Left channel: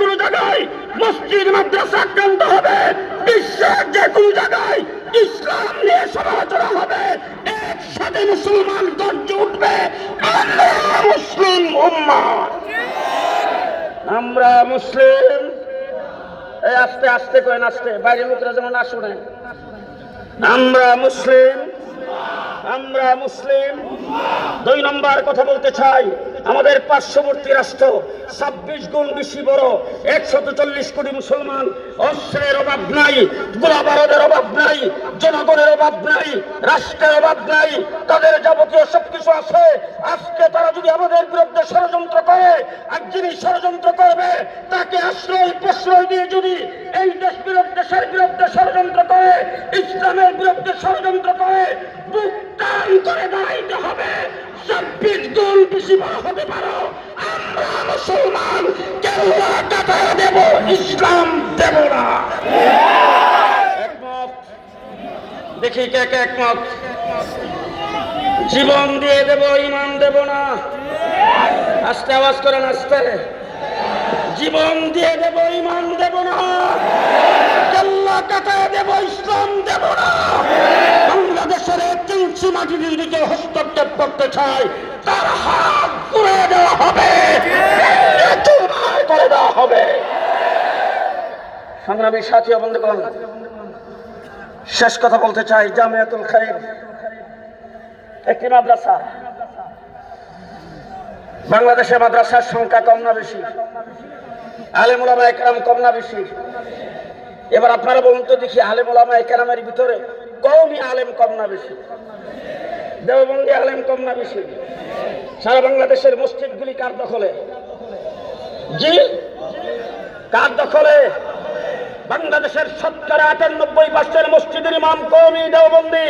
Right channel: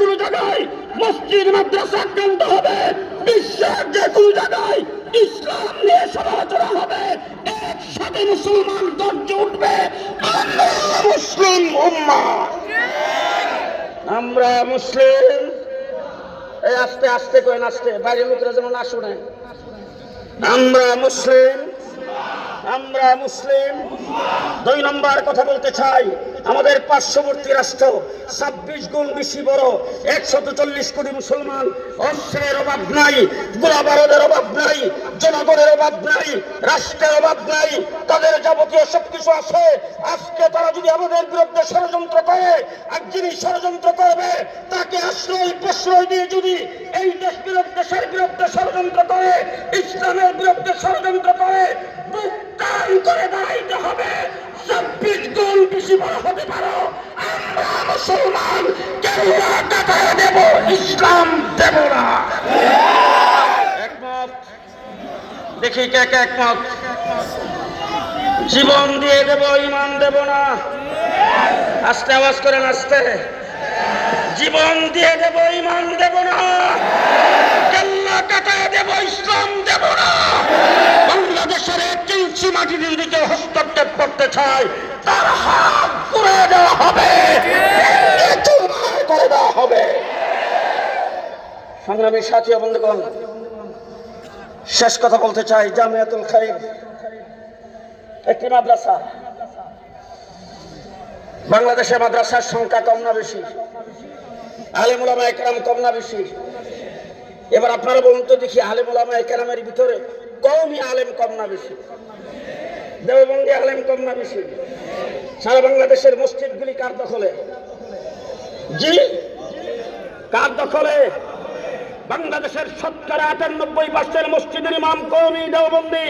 কোনো জায়গায় মসজিদ, মাদ্রাসা আক্রান্ত হবে, বিশ্বের যে কোনো জায়গায় ইসলাম নিয়ে সমালোচনা হবে, একসাথে মুসলমান গর্জে উঠবে মুসলিম উম্মা। আমরা মুসলিম। এই আস্তে আস্তে কয়েন আস্তে, বাইরের লোকেরা যেমন না শুনে আমরা মুসলিম। আমরা মুসলিম। দুই নম্বর কথা বলতে চাই, আমাদের পার্শ্ববর্তী রাষ্ট্র ছাব্বিশ গুণ বেশি বড় একশত চল্লিশ কোটি মুসলমান, অস্ত্রের অভাব নাই, গোলাবারদের অভাব নাই, জনগণের অভাব নাই, রাষ্ট্রের অভাব নাই, তাদের যাবতীয় সবকিছু আছে। আজকে তারা যদি আমাদের বিরুদ্ধে ষড়যন্ত্র করে, আর যিনি ষড়যন্ত্র করবে, তাকে আশ্রয়, প্রশ্রয় দিয়ে যদি এই দেশ বিরোধী দেশের বিরুদ্ধে ষড়যন্ত্র করে, ইসলামের বিরুদ্ধে ষড়যন্ত্র করে টান করে দাঁড়াইতে হবে। ছাব্বিশ গুণ বেশি বড় হতে পারো। আমরা মুসলমান দেখি কে কে একমত। জীবন দিয়ে দেব, ইমান দেব না। আস্তে আওয়াজ করেন আস্তে। জীবন দিয়ে দেব, ইমান দেব না। কেল্লা কাটা দেব, ইসলাম দেব না। বাংলাদেশের একটি ইঞ্চি মাটির দিকে হস্তক্ষেপ করতে চায়, তার হাত তুলে দেওয়া হবে। করে দেওয়া হবে। সংগ্রামী সাথী বন্ধুগণ, শেষ কথা বলতে চাই, জামিয়াতুল খাইর, একটি মাদ্রাসা। বাংলাদেশে মাদ্রাসার সংখ্যা কম না বেশি। আলেমুলামা একরাম কম না বেশি। এবার আপনারা বলুন তো দেখি আলেমুলামা একরামের ভিতরে কমই আলেম কম না বেশি। দেওবন্দি আলেম কম না বেশি। সারা বাংলাদেশের মসজিদ মসজিদগুলি কার দখলে? জি? কার দখলে? বাংলাদেশের শতকরা আটানব্বই পার্সেন্ট মসজিদের ইমাম কমই দেওবন্দি।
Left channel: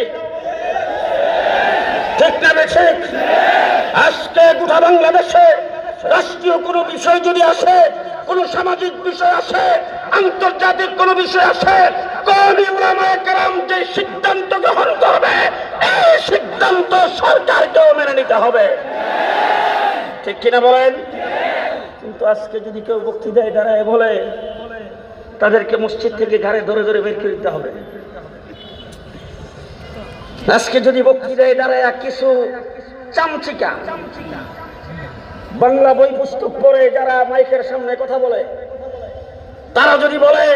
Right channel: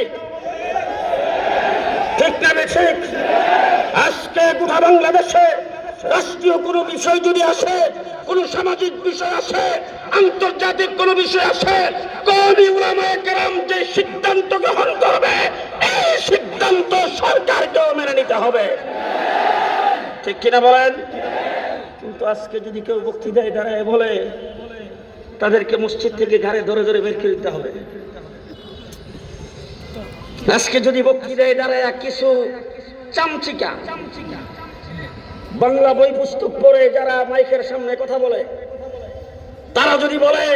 ঠিক না ঠিক? আজকে গোটা বাংলাদেশে রাষ্ট্রীয় কোনো বিষয় যদি আসে, কোন সামাজিক বিষয় আসে, আন্তর্জাতিক কোন বিষয় আসে সরকারকেও মেনে নিতে হবে। ঠিক কিনা বলেন? কিন্তু আজকে যদি কেউ বক্তৃতায় দাঁড়ায় বলে, তাদেরকে মসজিদ থেকে ঘাড়ে ধরে ধরে বের করে দিতে হবে। আজকে যদি বক্তৃতায় দাঁড়ায় কিছু চামচিকা, বাংলা বই পুস্তক পড়ে যারা মাইকের সামনে কথা বলে, তারা যদি বলে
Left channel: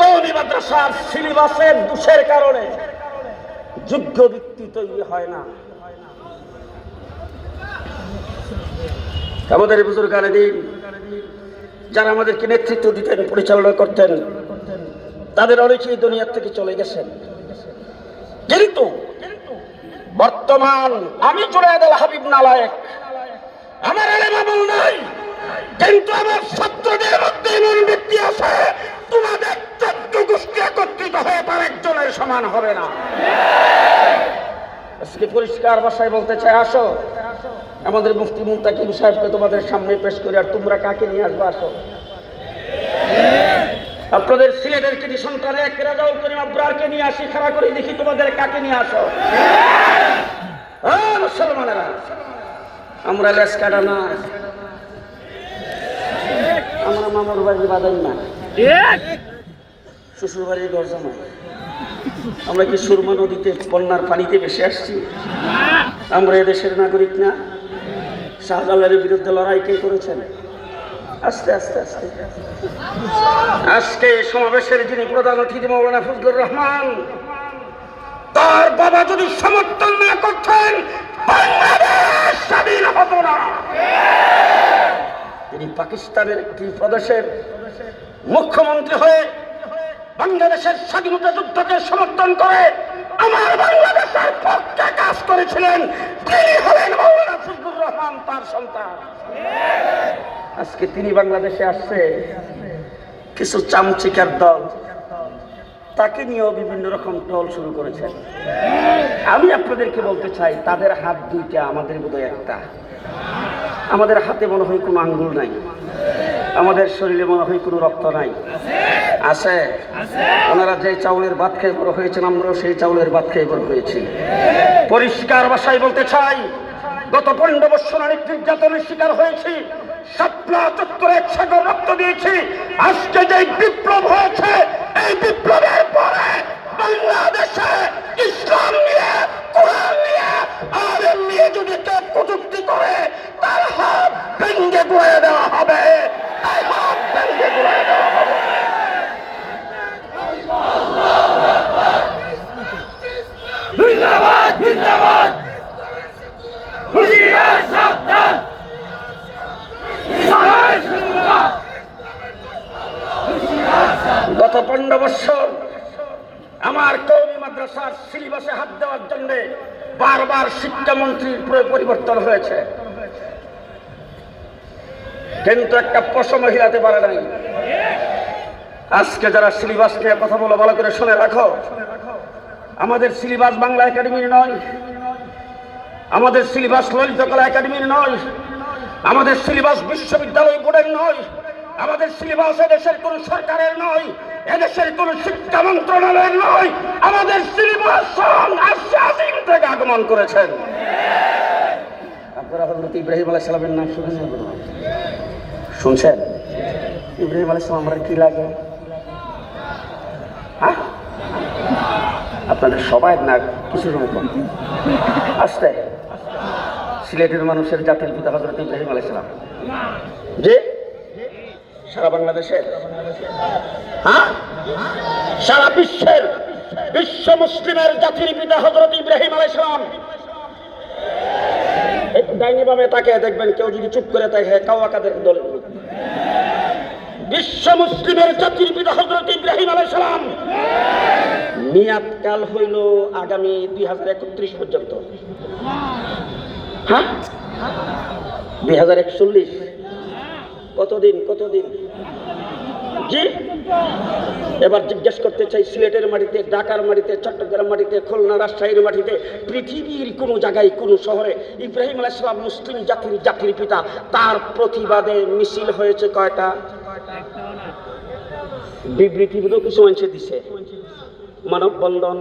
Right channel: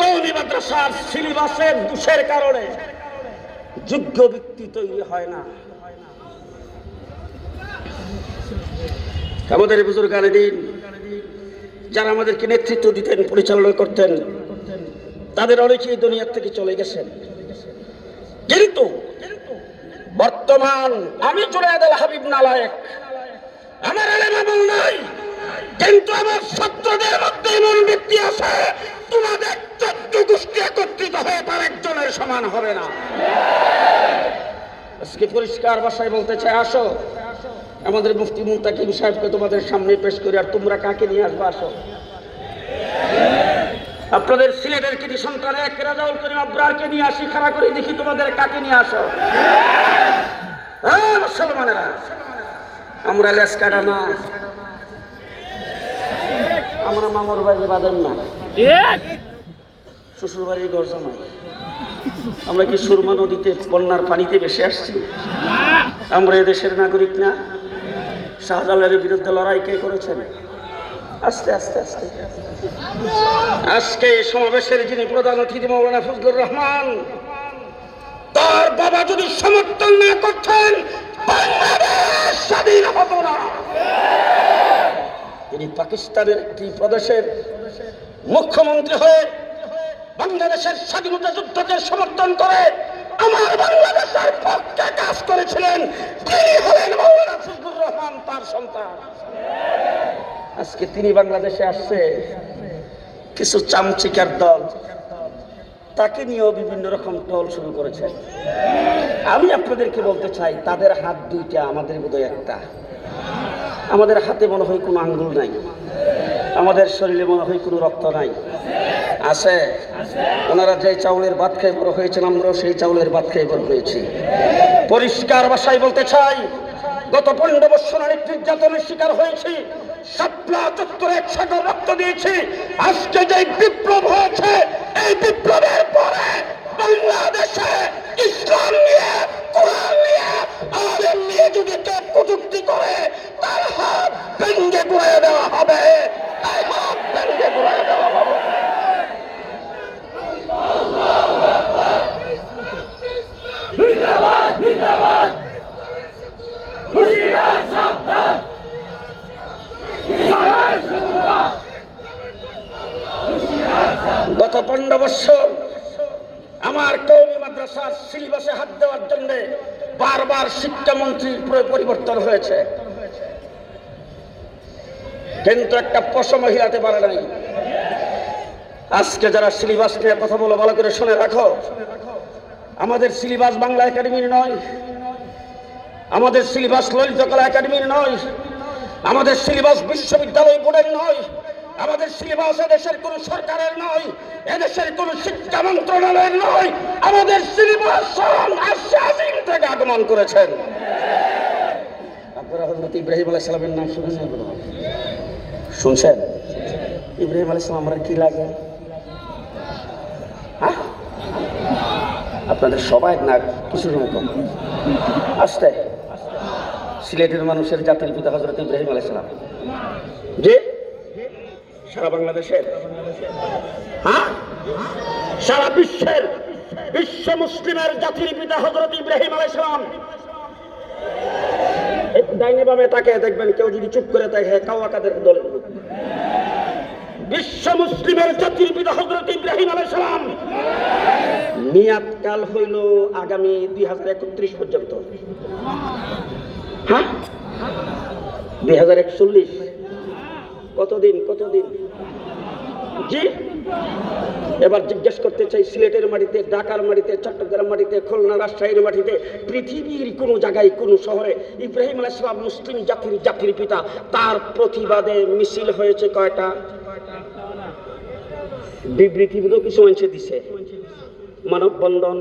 কৌমি মাদ্রাসার সিলেবাসের দোষের কারণে যোগ্য ব্যক্তি তৈরি হয় না। আমাদের বুজুর্গানে দিন, যারা আমাদেরকে নেতৃত্ব দিতেন, পরিচালনা করতেন, তাদের অনেকেই দুনিয়ার থেকে চলে গেছেন। কিন্তু বর্তমান আমি জুনায়দ আল হাবিব নালায়েক, আমার আলেম আমল নাই, কিন্তু আমার ছাত্রদের মধ্যে এমন ব্যক্তি আছে তোমাদের চোদ্দ গোষ্ঠী একত্রিত হয়ে তার একজনের সমান হবে না। আজকে পরিষ্কার ভাষায় বলতে চাই, আসো। আমাদের মুফতি মুন্তাকিম সাহেবকে তোমাদের সামনে পেশ করি, আর তোমরা কাকে নিয়ে আসবে, আসো। আপনাদের সিলেটের কিছু সন্তান এক রেজাউল করিম আব্রারকে নিয়ে আসি, খাড়া করে, দেখি তোমাদের কাকে নিয়ে আসো। মুসলমানেরা, আমরা লেস কাটা না। আমরা মামার বাড়ি বাঁধেন না। শ্বশুর ঘর আমরা কি সুরমা নদীতে বন্যার পানিতে বেশি আসছি? আমরা এদেশের নাগরিক না। শাহজালালের বিরুদ্ধে লড়াই কে করেছেন? আস্তে আস্তে আস্তে। আজকে সমাবেশের যিনি প্রধান অতিথি মৌলানা ফজলুর রহমান, তার বাবা যদি সমর্থন না করতেন স্বাধীন হতো না। তিনি পাকিস্তানের একটি প্রদেশের মুখ্যমন্ত্রী হয়ে বাংলাদেশের স্বাধীনতা যুদ্ধকে সমর্থন করে আমার বাংলাদেশের পক্ষে কাজ করেছিলেন তিনি হলেন রহমান তার সন্তান। আজকে তিনি বাংলাদেশে আসছে। কিছু চামচিকার দল, তাকে নিয়েও বিভিন্ন রকম দল শুরু করেছেন আমি আপনাদেরকে বলতে চাই, তাদের হাত দুইটা আমাদের বোধহয় একটা। আমাদের হাতে মনে হয় কোনো আঙ্গুল নাই। আমাদের শরীরে মনে হয় কোনো রক্ত নাই। আছে। ওনারা যে চাউলের ভাত খেয়ে বড় হয়েছেন, আমরাও সেই চাউলের ভাত খেয়ে বড় হয়েছি। পরিষ্কার ভাষায় বলতে চাই, গত পনেরো বছর অনেক নির্যাতনের শিকার হয়েছি, শাপলা চত্বরে সাগর রক্ত দিয়েছি। আজকে যে বিপ্লব হয়েছে, এই বিপ্লবের পরে বাংলাদেশে ইসলাম নিয়ে, কোরআন নিয়ে নিয়ে যদি কেউ কটুক্তি করে, তার হাত ভেঙ্গে দেওয়া হবে তাই হাত ভেঙ্গে গুড়ে দেওয়া হবে গত পনেরো বছর আমার কৌমি মাদ্রাসার সিলেবাসে হাত দেওয়ার জন্য বারবার শিক্ষামন্ত্রীর প্র- পরিবর্তন হয়েছে কিন্তু একটা পশম হিলাতে পারে নাই। আজকে যারা সিলেবাস নিয়ে কথা বলো, ভালো করে শুনে রাখো। আমাদের সিলেবাস বাংলা একাডেমির নয়। আমাদের সিলেবাস ললিত কলা একাডেমির নয়। আমাদের সিলেবাস বিশ্ববিদ্যালয় বোর্ডের নয়। আমাদের সিলেবাস এদেশের কোন সরকারের নয়। এদেশের কোন শিক্ষা মন্ত্রণালয়ের নয়। আমাদের সিলেবাস আশ্বাসিন থেকে আগমন করেছেন। আপনারা হজরত ইব্রাহিম আলাইহিস সালামের নাম শুনেছেন শুনছেন? ইব্রাহিম আলাইহিস সালাম, আমরা কি লাগে? হ্যাঁ? আপনাদের সবাই না, কিছু রকম আসতে। সিলেটের মানুষের জাতির পিতা হজরত ইব্রাহিম আলাইসালাম যে সারা বাংলাদেশের। হ্যাঁ? সারা বিশ্বের, বিশ্ব মুসলিমের জাতির পিতা হজরত ইব্রাহিম আলাইসালাম ডাইনি বামে তাকে দেখবেন কেউ যদি চুপ করে থাকে কাওয়া কাদের দলে বিশ্ব মুসলিমের জাতির পিতা হজরত ইব্রাহিম আলাইসালাম মেয়াদ কাল হইল আগামী দুই হাজার একত্রিশ পর্যন্ত। হ্যাঁ? দুই হাজার একচল্লিশ। কতদিন কতদিন? জি? এবার জিজ্ঞেস করতে চাই, সিলেটের মাটিতে, ঢাকার মাটিতে, চট্টগ্রাম মাটিতে, খুলনা, রাজশাহীর মাটিতে, পৃথিবীর কোনো জায়গায়, কোনো শহরে ইব্রাহিম আলাইসালাম মুসলিম জাতির জাতির পিতা, তার প্রতিবাদে মিছিল হয়েছে কয়টা? বিবৃতি বোধ কিছু মানুষে দিছে। মানববন্ধন,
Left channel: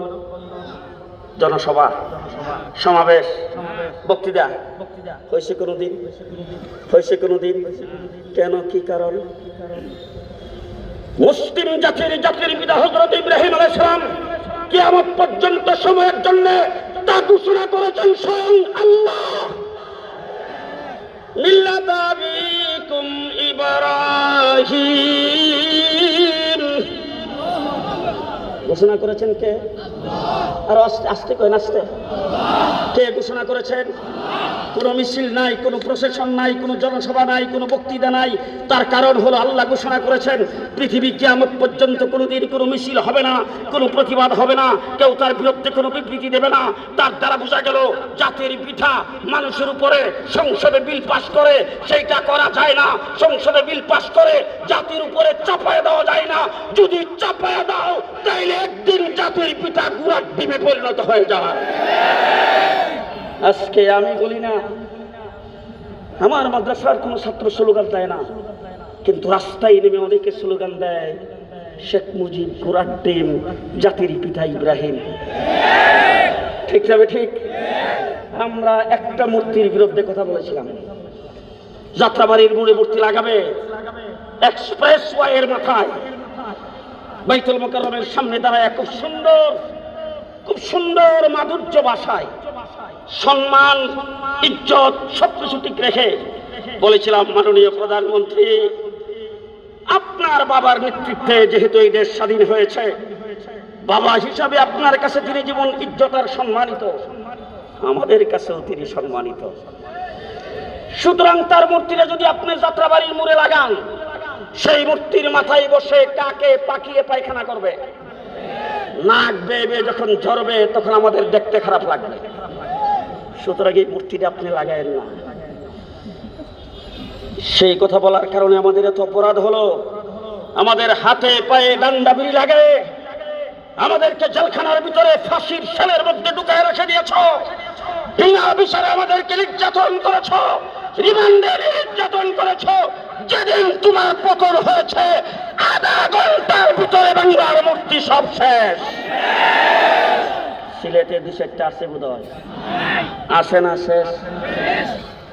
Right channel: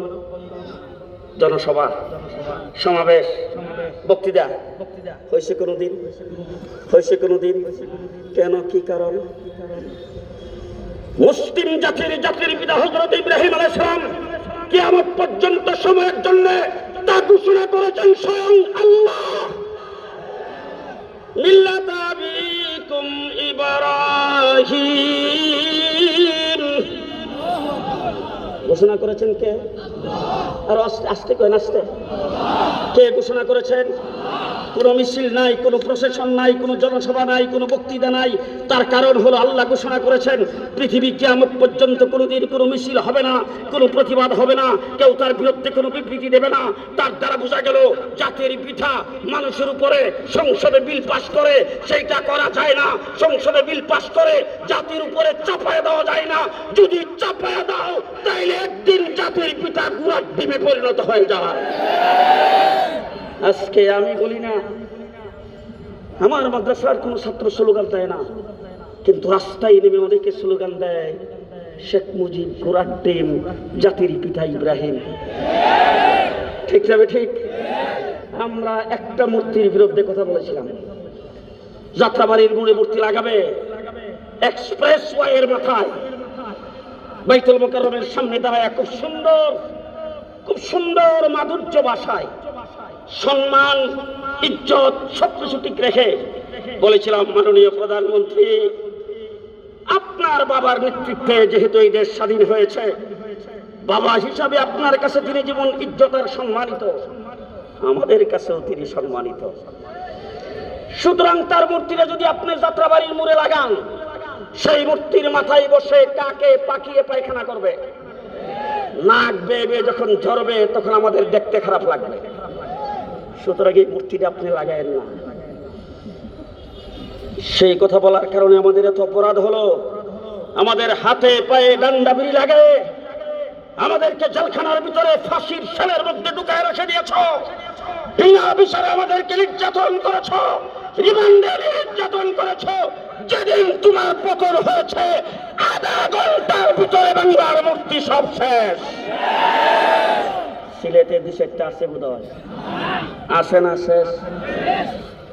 জনসভা, সমাবেশ, বক্তৃতা হয়েছে কোনোদিন? হয়েছে কোনোদিন? কেন, কি কারণ? মুসলিম জাতির জাতির পিতা হজরত ইব্রাহিম আলাইসালাম কিয়ামত পর্যন্ত সময়ের জন্য তা ঘোষণা করেছেন স্বয়ং আল্লাহ। মিল্লাত আবিকুম ইব্রাহিম। ঘোষণা করেছেন কে? আর আস্তে কেন আস্তে কে ঘোষণা করেছেন, কোনো মিছিল নাই, কোনো প্রশাসন নাই, কোনো জনসভা নাই, কোনো বক্তৃতা নাই, তার কারণ হলো আল্লাহ ঘোষণা করেছেন, পৃথিবী কিয়ামত পর্যন্ত কোনোদিন কোনো মিছিল হবে না, কোনো প্রতিবাদ হবে না, কেউ তার বিরুদ্ধে কোনো বিবৃতি দেবে না, তার দ্বারা বোঝা গেল জাতির পিঠা মানুষের উপরে সংসদে বিল পাস করে, সেইটা করা যায় না, সংসদে বিল পাস করে জাতির উপরে চাপায় দেওয়া যায় না, যদি চাপায় দাও, তাইলে একদিন জাতির পিঠা গুয়ার ডিমে পরিণত হয়ে যাবে আজকে আমি বলি না, আমার মাদ্রাসার কোনো ছাত্র স্লোগান দেয় না, কিন্তু রাস্তায় নেমে অনেকে স্লোগান দেয়, শেখ মুজিব ডিম জাতির পিতা ইব্রাহিম। ঠিক যাবে ঠিক? আমরা একটা মূর্তির বিরুদ্ধে কথা বলেছিলাম। যাত্রাবাড়ির মোড়ে মূর্তি লাগাবে, এক্সপ্রেস ওয়াইয়ের মাথায়। বাইতুল মোকাররমের সামনে দাঁড়ায় খুব সুন্দর খুব সুন্দর মাধুর্য ভাষায়। সম্মান, ইজ্জত সব কিছু ঠিক রেখে বলেছিলাম মাননীয় প্রধানমন্ত্রী, আপনার বাবার নেতৃত্বে যেহেতু এই দেশ স্বাধীন হয়েছে, বাবা হিসাবে আপনার কাছে তিনি জীবন, ইজ্জত আর সম্মানিত, আমাদের কাছেও তিনি সম্মানিত। সুতরাং তার মূর্তিটা যদি আপনি যাত্রাবাড়ির মোড়ে লাগান, সেই মূর্তির মাথায় বসে কাকে পাকিয়ে পায়খানা করবে? নাক বেয়ে যখন ঝরবে, তখন আমাদের দেখতে খারাপ লাগবে। সুতরাং এই মূর্তিটা আপনি লাগায়েন না সেই কথা বলার কারণে আমাদের এত অপরাধ হলো। আমাদের হাতে পায়ে ডান্ডা বিড়ি লাগে। আমাদেরকে জেলখানার ভিতরে ফাঁসির সেলের মধ্যে ঢুকায় রেখে দিয়েছ। বিনা বিচারে আমাদেরকে নির্যাতন করেছ। রিমান্ডে নির্যাতন করেছ। যেদিন তোমার পতন হয়েছে, আধা ঘণ্টার ভিতরে বাংলার মূর্তি সব শেষ। সিলেটে দু চারটা আছে বোধ আসে না শেষ।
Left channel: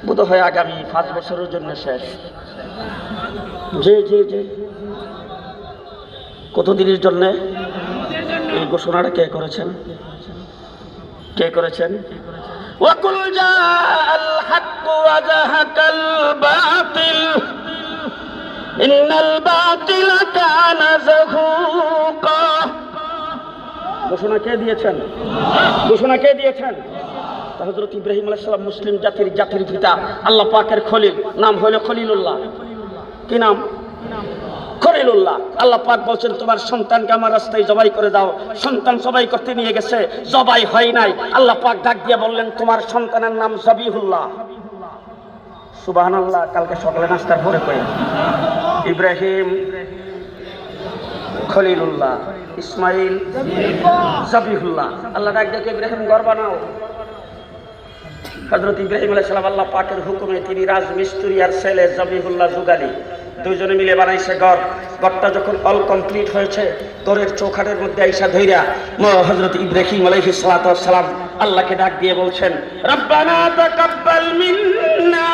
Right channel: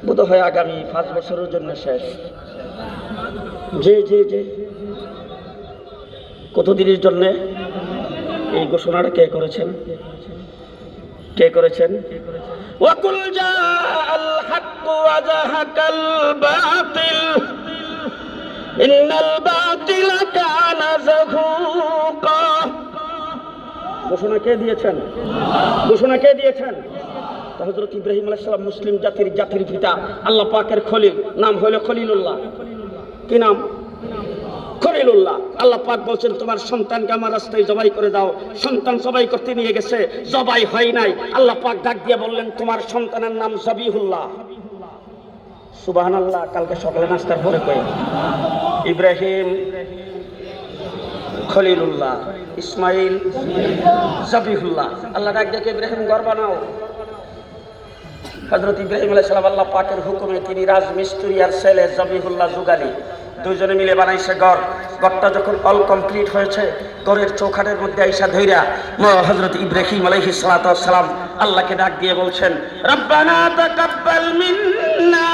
বোধ হয় আগামী পাঁচ বছরের জন্য শেষ। যে যে যে। কতদিনের জন্যে এই ঘোষণাটা কে করেছেন? কে করেছেন? ওয়াকুল জা আল হক ওয়া জাহাকাল বাতিল। ইন্নাল বাতিল কানা যাহুকা ঘোষণা কে দিয়েছেন? ঘোষণা কে দিয়েছেন? হজরত ইব্রাহিম আলাইসালাম মুসলিম জাতির জাতির পিতা, আল্লাহ পাকের খলিল। নাম হলো খলিলুল্লাহ। কি নাম? খলিলুল্লাহ। আল্লাহ পাক বলছেন, তোমার সন্তানকে আমার রাস্তায় জবাই করে দাও। সন্তান জবাই করতে নিয়ে গেছে, জবাই হয় নাই। আল্লাহ পাক ডাক দিয়ে বললেন, তোমার সন্তানের নাম জবিহুল্লাহ। সুবহানাল্লাহ, কালকে সকালে নাস্তার পরে কই? ইব্রাহিম খলিলুল্লাহ, ইসমাইল জবিহুল্লাহ। আল্লাহ ডাক দিয়ে ইব্রাহিম, ঘর বানাও। হজরত ইব্রাহিম আলাইসালাম আল্লাহ পাকের হুকুমে তিনি রাজমিস্ত্রি আর ছেলে জবিহুল্লাহ জুগালি দুইজনে মিলে বানাইছে ঘর। ঘরটা যখন অল কমপ্লিট হয়েছে, ঘরের চৌখাটের মধ্যে আইসা ধৈরা হজরত ইব্রাহিম আলাইহি সালাম আল্লাহকে ডাক দিয়ে বলছেন, রব্বানা মিন্না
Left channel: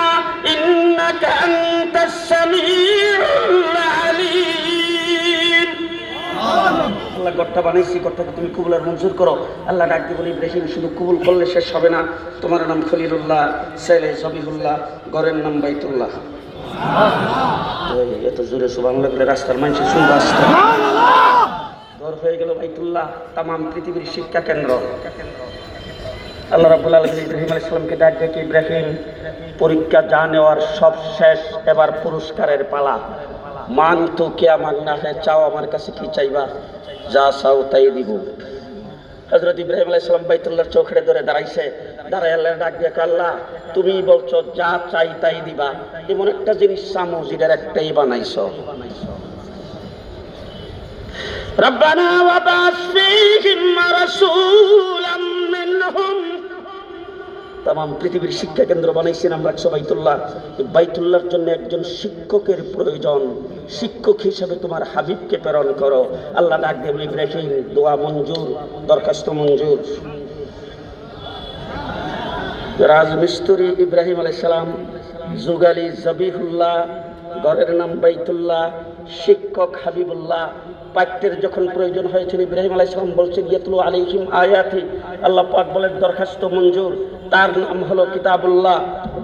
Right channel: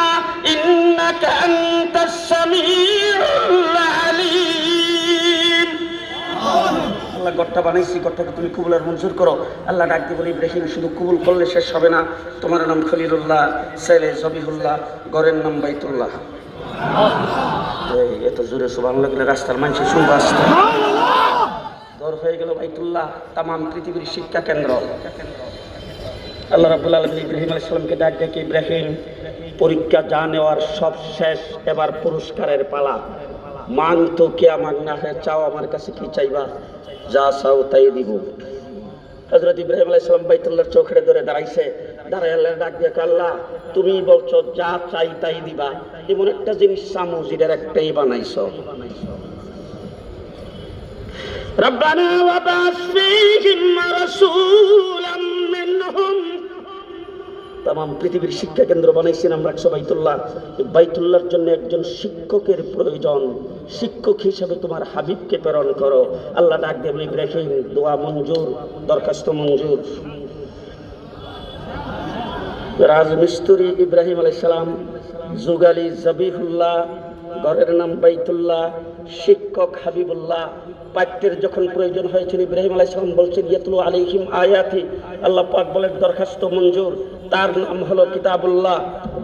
আল্লাহ গড়টা বানাইছি গড়টাকে তুমি কবুল আর মঞ্জুর করো। আল্লাহ ডাক দিয়ে বলি ইব্রাহিম শুধু কবুল করলে শেষ হবে না। তোমার নাম খলিলুল্লাহ ছেলে জবিহুল্লাহ ঘরের নাম বাইতুল্লাহ। এত জোরে সুবাংলা করে রাস্তার মানুষের শুনতে আসছে ঘর হয়ে গেল বাইতুল্লাহ তাম পৃথিবীর শিক্ষা কেন্দ্র। আল্লাহ রাবুল আলম ইব্রাহিম আলাইসালামকে ডাক ডেকে ইব্রাহিম পরীক্ষা যা নেওয়ার সব শেষ এবার পুরস্কারের পালা। মান তো কে আমার না হয় চাও আমার কাছে কি চাইবা? যা চাও তাই দিব হজরত ইব্রাহিম আলাইসালাম বাইতুল্লাহর চোখে ধরে দাঁড়াইছে দাঁড়াই আল্লাহ ডাক দিয়ে কয়, আল্লাহ তুমি বলছো যা চাই তাই দিবা এমন একটা জিনিস চামো যেটার একটাই বানাইছো ربنا وبعث فيهم رسولا منهم তাম পৃথিবীর শিক্ষা কেন্দ্র বানাইছেন আমরা বাইতুল্লাহ বাইতুল্লাহর জন্য একজন শিক্ষকের প্রয়োজন। শিক্ষক হিসাবে তোমার হাবিবকে প্রেরণ করো। আল্লাহ ডাক দেব, ইব্রাহিম, দোয়া মঞ্জুর, দরখাস্ত মঞ্জুর। রাজমিস্তুরি ইব্রাহিম আলাইসালাম জুগালি জবিহুল্লাহ, ঘরের নাম বাইতুল্লাহ, শিক্ষক হাবিবুল্লাহ। পাঠ্যের যখন প্রয়োজন হয়েছিল, ইব্রাহিম আলাইসালাম বলছেন, ইয়াতুল আলাইহিম আয়াতি। আল্লাহ পাক বলেন, দরখাস্ত মঞ্জুর। তার নাম হলো কিতাবুল্লাহ,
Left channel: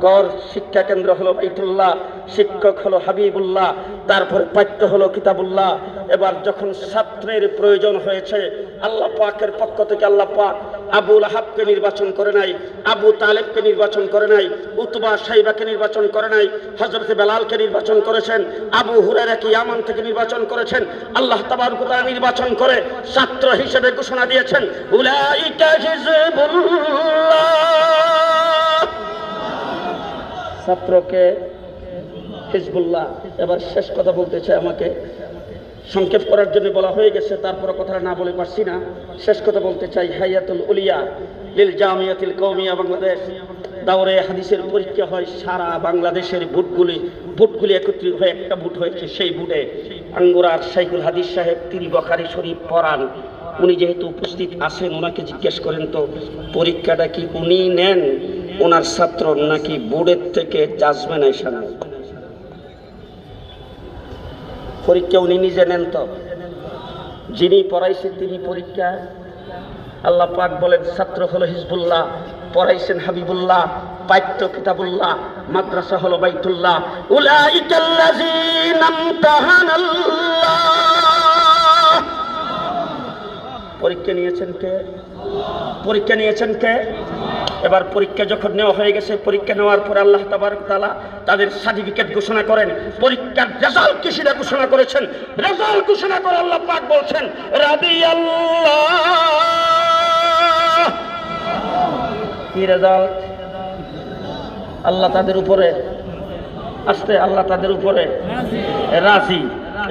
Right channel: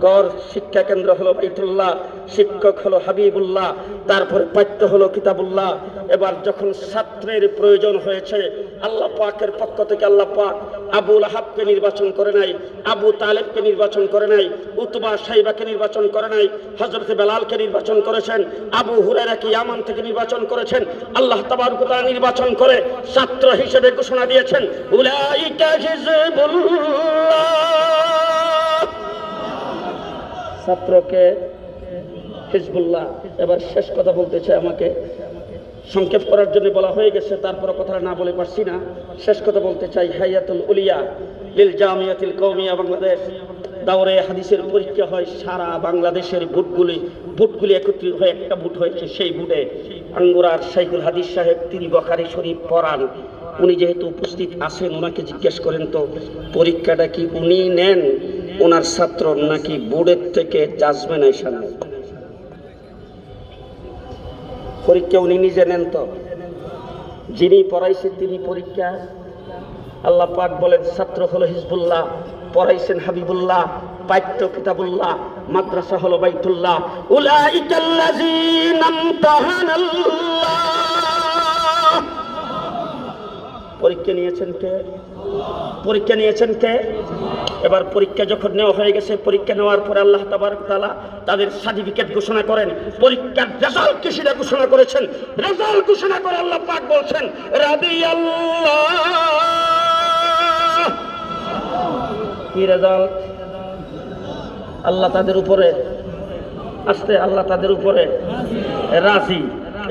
গড় শিক্ষা কেন্দ্র হলো বাইতুল্লাহ, শিক্ষক হলো হাবিবুল্লাহ, তারপর পাঠ্য হলো কিতাবুল্লাহ। এবার যখন ছাত্রের প্রয়োজন হয়েছে, আল্লাহ পাকের পক্ষ থেকে আল্লাহ পাক আবুল আহাবকে নির্বাচন করে নাই, আবু তালেবকে নির্বাচন করে নাই, উতবা সাইবাকে নির্বাচন করে নাই হজরত বেলালকে নির্বাচন করেছেন, আবু হুরারাকে ইয়ামান থেকে নির্বাচন করেছেন, আল্লাহ তাবারকুতা নির্বাচন করে ছাত্র হিসেবে ঘোষণা দিয়েছেন, উলাইকা ছাত্রকে হিজবুল্লাহ। এবার শেষ কথা বলতে চাই আমাকে। সংক্ষেপ করার জন্য বলা হয়ে গেছে তারপরে কথা না বলে পারছি না। শেষ কথা বলতে চাই, হাইয়াতুল উলিয়া লিল জামিয়াতুল কৌমিয়া বাংলাদেশ। দাওরে হাদিসের পরীক্ষা হয়, সারা বাংলাদেশের ভোটগুলি ভোটগুলি একত্রিত হয়ে একটা ভোট হয়েছে, সেই ভোটে আঙ্গুরার সাইকুল হাদিস সাহেব, তিনি বকারি শরীফ পড়ান। উনি যেহেতু উপস্থিত আছেন, ওনাকে জিজ্ঞেস করেন, তো পরীক্ষাটা কি উনি নেন? ওনার ছাত্র নাকি বোর্ডের থেকে জাজমেন্ট আইসা নেয় পরীক্ষা উনি নিজে নেন তো। যিনি পড়াইছেন তিনি পরীক্ষা। আল্লাহ পাক বলেন, ছাত্র হলো হিজবুল্লাহ, পড়াইছেন হাবিবুল্লাহ, পাঠ্য কিতাবুল্লাহ, মাদ্রাসা হলো বাইতুল্লাহ। পরীক্ষা নিয়েছেন কে? পরীক্ষা নিয়েছেন কে? এবার পরীক্ষা যখন নেওয়া হয়ে গেছে, পরীক্ষা নেওয়ার পর আল্লাহ তাআলা তাদের সার্টিফিকেট ঘোষণা করেন। পরীক্ষার রেজাল্ট কি সেটা ঘোষণা করেছেন? রেজাল্ট ঘোষণা করে আল্লাহ পাক বলছেন, রাদিয়াল্লাহ। কি রেজাল্ট আল্লাহ তাদের উপরে, আস্তে আল্লাহ তাদের উপরে। রাজি।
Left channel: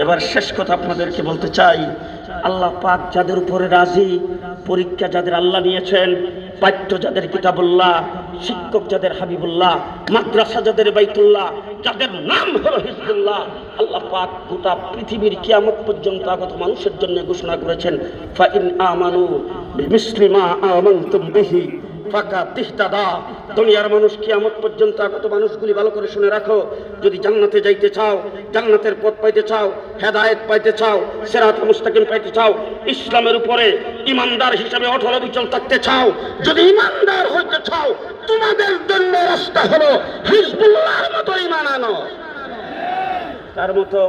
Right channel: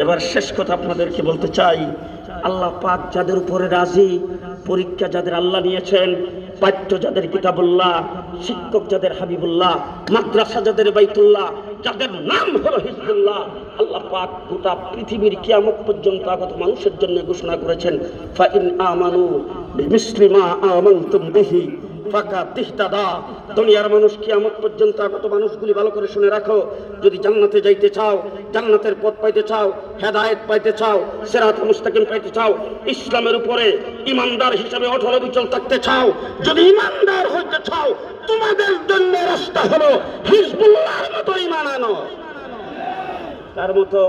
এবার শেষ কথা আপনাদেরকে বলতে চাই, আল্লাহ পাক যাদের উপরে রাজি, পরীক্ষা যাদের আল্লাহ নিয়েছেন পাঠ্য যাদের কিতাবুল্লাহ, শিক্ষক যাদের হাবিবুল্লাহ, মাদ্রাসা যাদের বাইতুল্লাহ, যাদের নাম হলো হিজবুল্লাহ, আল্লাহ পাক গোটা পৃথিবীর কিয়ামত পর্যন্ত আগত মানুষের জন্য ঘোষণা করেছেন, ফাইন আমানু বিমিসলিমা আমানতুম বিহি তিহতাদা দুনিয়ার মানুষ কিয়ামত পর্যন্ত আগত মানুষগুলি ভালো করে শুনে রাখো। যদি জান্নাতে যাইতে চাও, জান্নাতের পথ পাইতে চাও, হেদায়েত পাইতে চাও, সেরাত মুস্তাকিম পাইতে চাও, ইসলামের উপরে ইমানদার হিসাবে অঠল বিচল থাকতে চাও, যদি ইমানদার হইতে চাও, তোমাদের জন্য রাস্তা হলো হিজবুল্লাহর মতো ইমান আনো। কার মতো?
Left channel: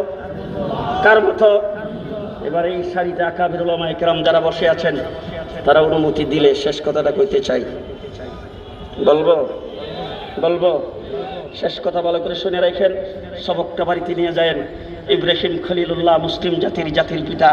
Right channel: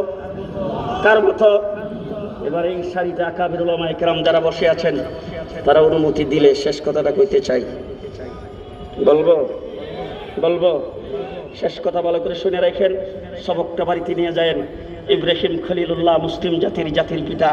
কার মতো? এবার এই শাড়িতে আকাবির ওলামা একরাম যারা বসে আছেন, তারা অনুমতি দিলে শেষ কথাটা কইতে চাই। বলব বলব, শেষ কথা ভালো করে শুনে রাখেন, সবকটা বাড়িতে নিয়ে যায়েন। ইব্রাহিম খলিলুল্লাহ মুসলিম জাতির জাতির পিতা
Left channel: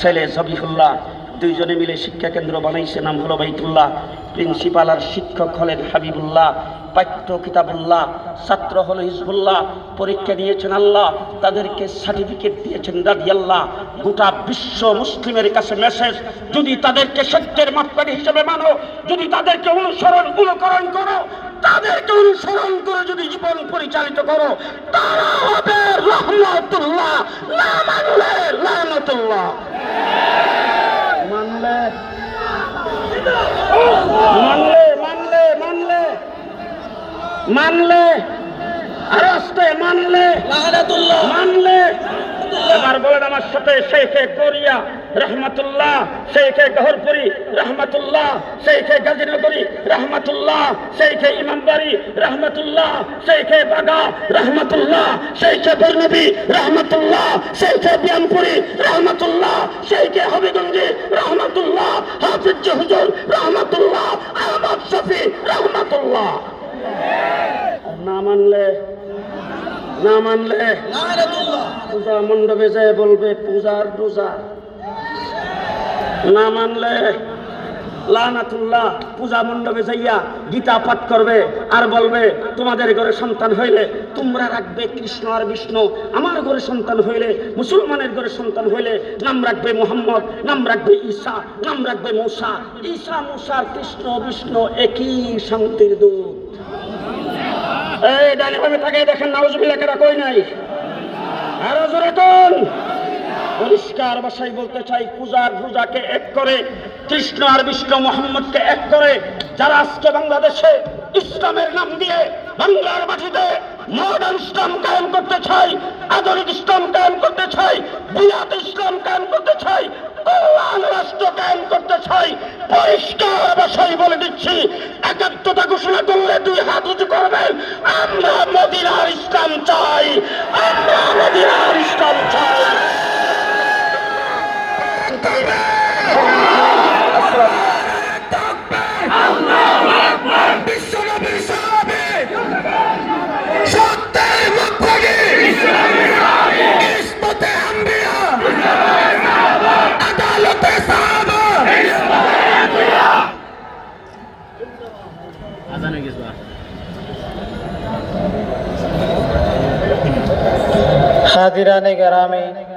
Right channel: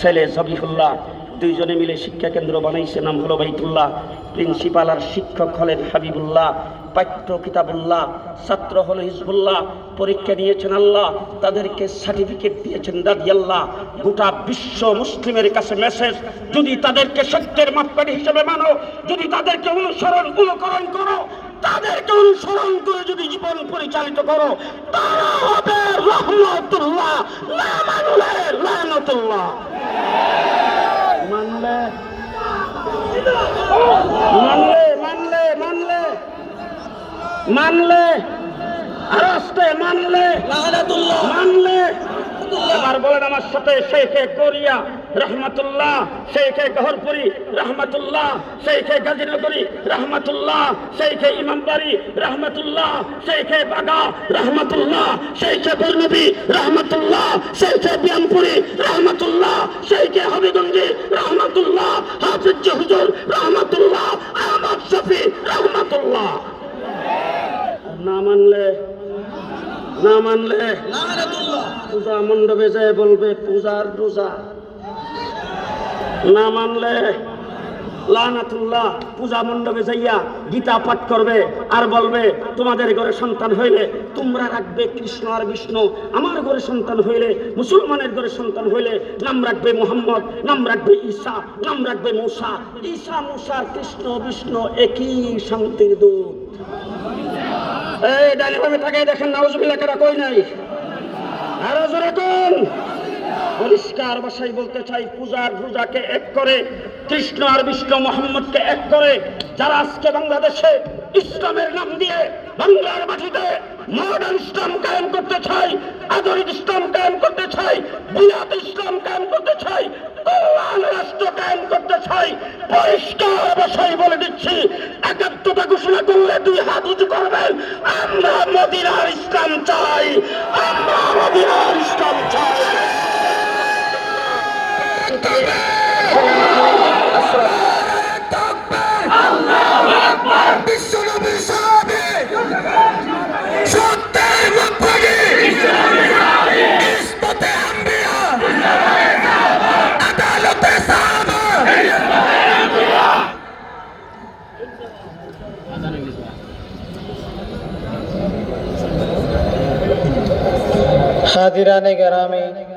ছেলে জবিহুল্লাহ। দুইজনে মিলে শিক্ষা কেন্দ্র বানাইছে, নাম হলো বাইতুল্লাহ। প্রিন্সিপাল আর শিক্ষক হলেন হাবিবুল্লাহ। পাঠ্য কিতাবুল্লাহ, ছাত্র হলো হিজবুল্লাহ, পরীক্ষা দিয়েছেন আল্লাহ, তাদেরকে সার্টিফিকেট দিয়েছেন দাদি আল্লাহ গোটা বিশ্ব মুসলিমের কাছে মেসেজ যদি তাদেরকে সত্যের মাপকাঠি হিসেবে মানো, যদি তাদেরকে অনুসরণ, অনুকরণ করো, তাদেরকে অনুসরণ করে যদি জীবন পরিচালিত করো, তারা মানলে? মানলে? মানলে রাস্তে মানলে মানলে আমার বলেন আমার সাথে শেখে কোরিয়া রহমতুল্লাহ শেখে গহরপুরি রহমতুল্লাহ শেখে গাজীনগরী রহমতুল্লাহ শেখে ইমামবাড়ি রহমতুল্লাহ শেখে বাগা রহমতুল্লাহ শেখে বর্ণবী রহমতুল্লাহ শেখে বিয়ামপুরি রহমতুল্লাহ শেখে হবিগঞ্জি রহমতুল্লাহ হাফিজ হুজুর রহমতুল্লাহ আহমদ শফি রহমতুল্লাহ। না মানলে না মানলে পূজা মণ্ডপে যায় বলবে, পূজার পূজা না মানলে লানাতুল্লাহ পূজা মণ্ডপে যাইয়া গীতা পাঠ করবে আর বলবে, তোমাদের ঘরে সন্তান হইলে তোমরা রাখবে কৃষ্ণ আর বিষ্ণু। আমার ঘরে সন্তান হইলে, মুসলমানের ঘরে সন্তান হইলে নাম রাখবে মোহাম্মদ, নাম রাখবে ঈসা, নাম রাখবে মূসা। ঈসা, মূসা কৃষ্ণ, বিষ্ণু একই শান্তির দূত। এই ডালিভাবে তাকে দেখেন নাউজুবিল্লাহ কেরা কই নাই? আরও জোরে কোন। পরিষ্কার ভাষায় বলতে চাই পূজার পূজাকে এক করে, কৃষ্ণ আর বিষ্ণু মোহাম্মদকে এক করে, যারা আজকে বাংলাদেশে ইসলামের নাম দিয়ে বাংলার মাটিতে মডার্ন ইসলাম কায়েম করতে চাই, আধুনিক ইসলাম কায়েম করতে চাই, বিরাট ইসলাম কায়েম করতে চাই, কল্যাণ রাষ্ট্র কায়েম করতে চাই, পরিষ্কার ভাষায় বলে দিচ্ছি একাত্মতা ঘোষণা করলে দুই হাত উঁচু করবেন আমরা মদিনার ইসলাম চাই। আমরা মদিনার ইসলাম চাই। फरमान करामी